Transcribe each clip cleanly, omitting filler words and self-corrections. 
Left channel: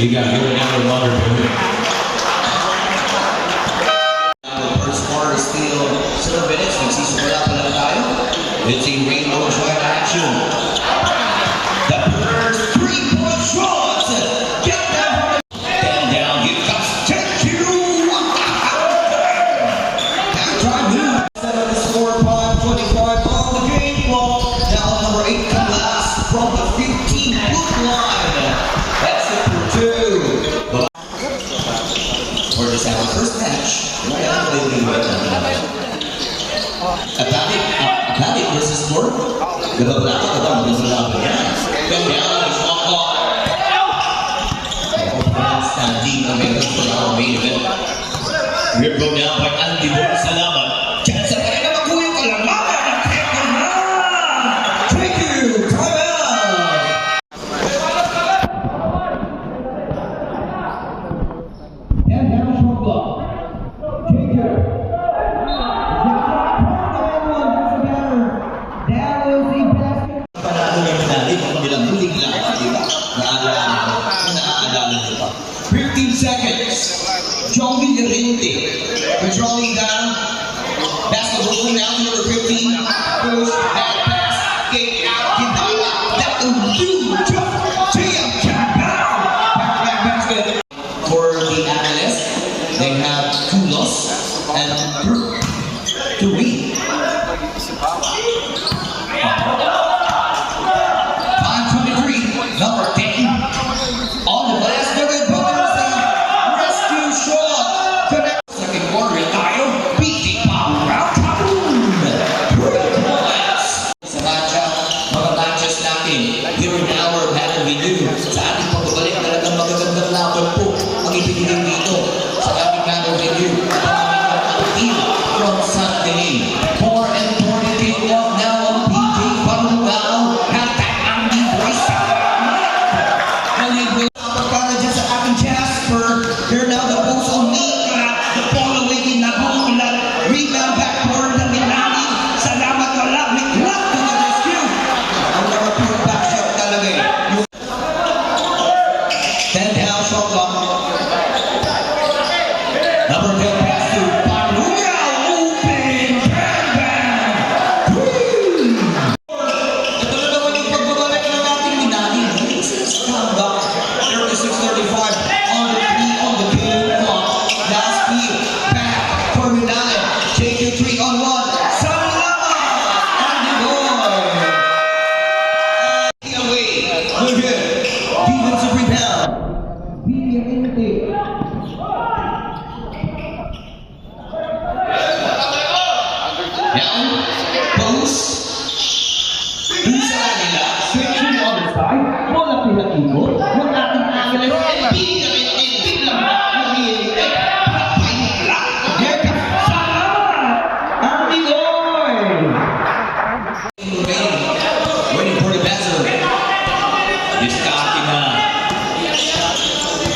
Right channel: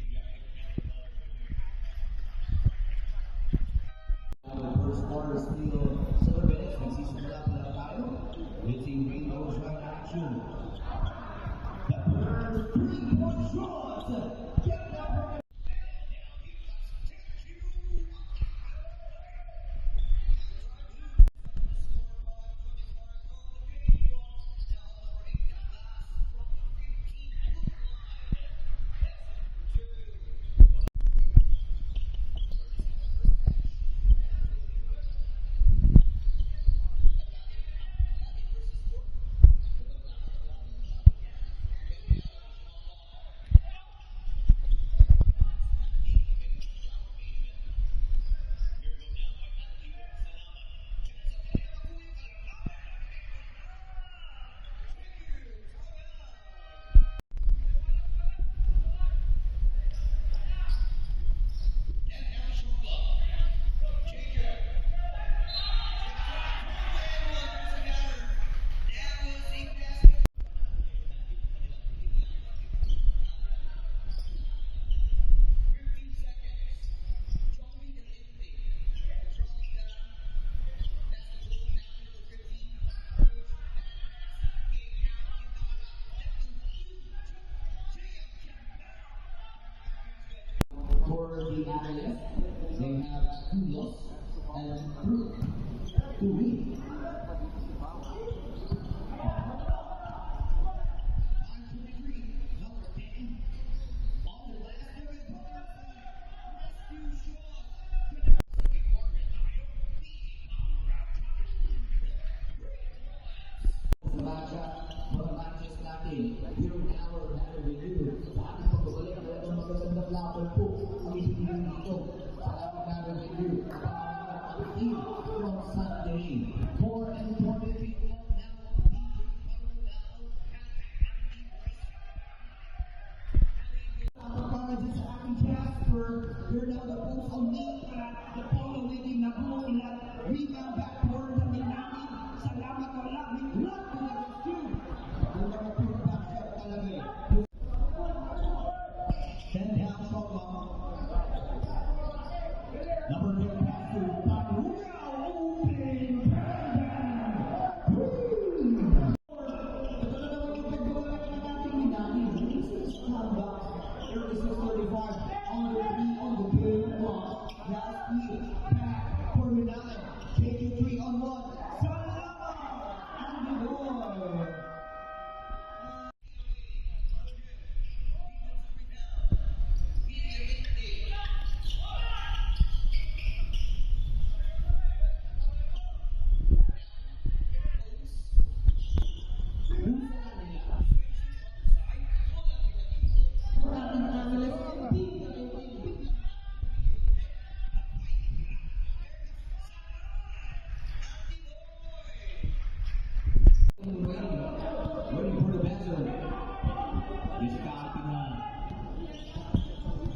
You got to go down to water. First quarter still 7 minutes. Nagsisimula pa lang tayo. It's a rainbow joint action. The first 3-point shot. Get that and down. Here comes Take-Two. Time move. 7 is 4-5, 25 on the game clock. Now number 8 comes last from the 15-foot line. That's it for 2. For this our first match. Atlantic versus North. Gabaglato ka ba? Magandang yan. Ganda ang shot clock. Standing American for our main event. We're going down by Andy Boy. Salamat. Diyan sa kaya na makuha yung kalamaman. Teko na! Thank you! Time out! And now shot clock. Take care. Naalala 15 seconds. Joey Llorente controlling down. Basketball going down to number 15. Push, back pass, get out, Hidala. That will do. Jam Campbell. Back basket. For the analysts, they have 2 loss and 2 win. 5:23, number 10. On the last minute, Bogans rescue shot. Connect. Second quarter tayo. Beating power round. Kaboom! 3 points. Sa matchup, mga matches natin. Here in our battle review. Sa ating pagbabalik, talagang magagandang laban po ang ibigay dito sa ating battle review. Ang team from Sunday. 4 and 40 kick-off now of PJ Parungao. Hashtag Andy Boy. Para dyan sa ating Jasper. Here now the post on Nika. The ball away in Nabulan. Rebound backboard ng Milani. Salamat wala. Miklap to the rescue. Ang mga pure back shot talaga eh. 10 down shot clock. Number 10 pass to Parungao. Open. Bang bang. Ito na naman yung pagbabalik ng ating Milani. Comeback. 36-35 on the 3 on the game clock. Last field. Back for Milani. Take your 3 on 1. Salamat! Andy Boy. Away. Good hit. Defensive rebound. Villante. Down. Post. Isa nila. Switching on the side. Wala pinag-ikot. Yung ating angeles. Big lang. Here comes Salamat! Andy Boy. Waiting for the buzzer. Discarding na.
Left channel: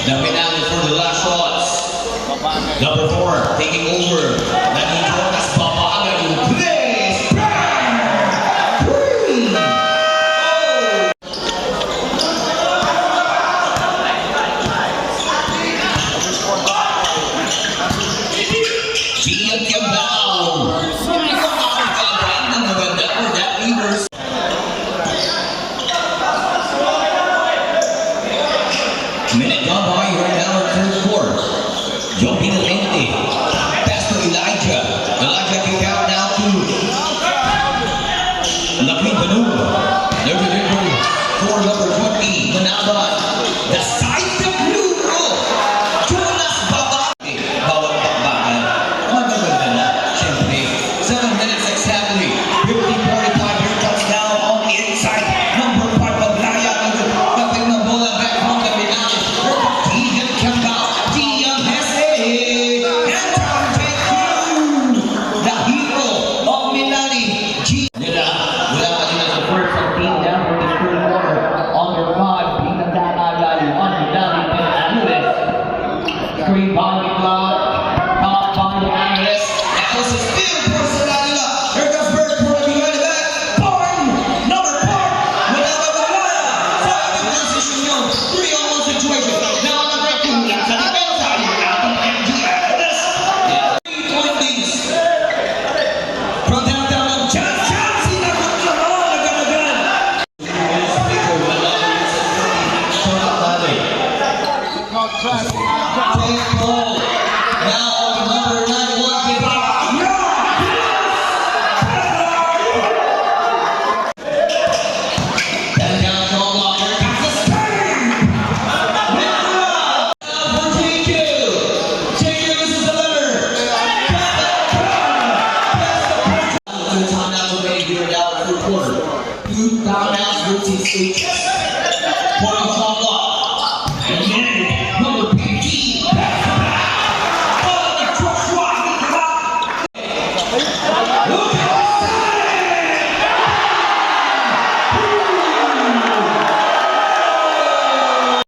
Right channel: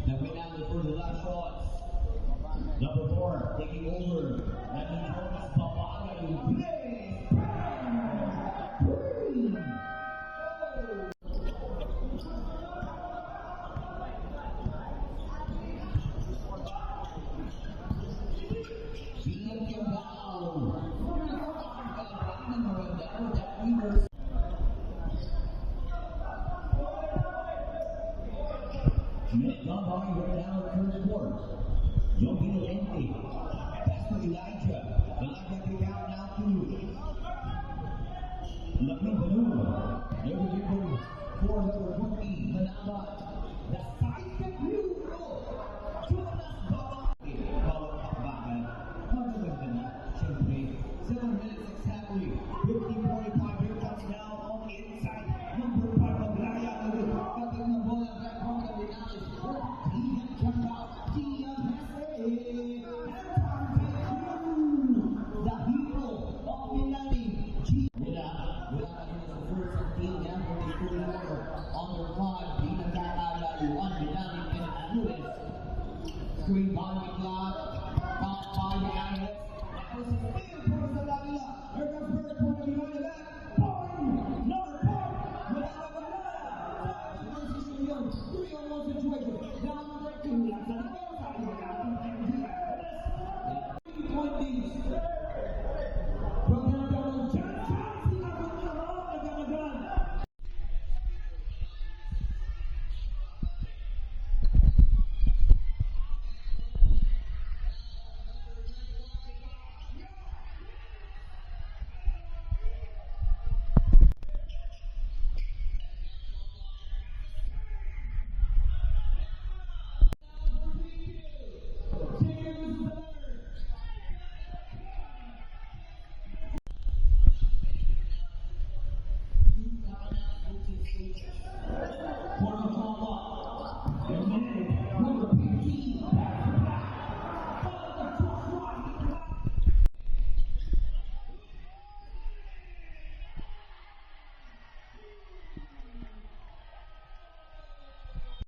The penalty for the last shots. Number 4 taking over. Nandito as babagan yung place. Bang! 3! Gian Campbell. Ang maganda for that Weavers. Minute gone by right now in third quarter. Joey Llorente. Pass to Elijah. Elijah kick out now to Laquin Banu. There's a delivery for number 20, Manaban. The side of blue. Jonas Babaki. Bawat bakbakan. Magaganda na. Siyempre, 7 minutes exactly. 50-45. Here comes now on the inside. Number 5, Maglaya. Nothing na bola back from the Milani. Here comes Gian Campbell. Gian Hesse. And time take 2. The hero of Milani. Nila, wala ka din sa first and team down for the third quarter. On their 5, pinagdakalayo on State 24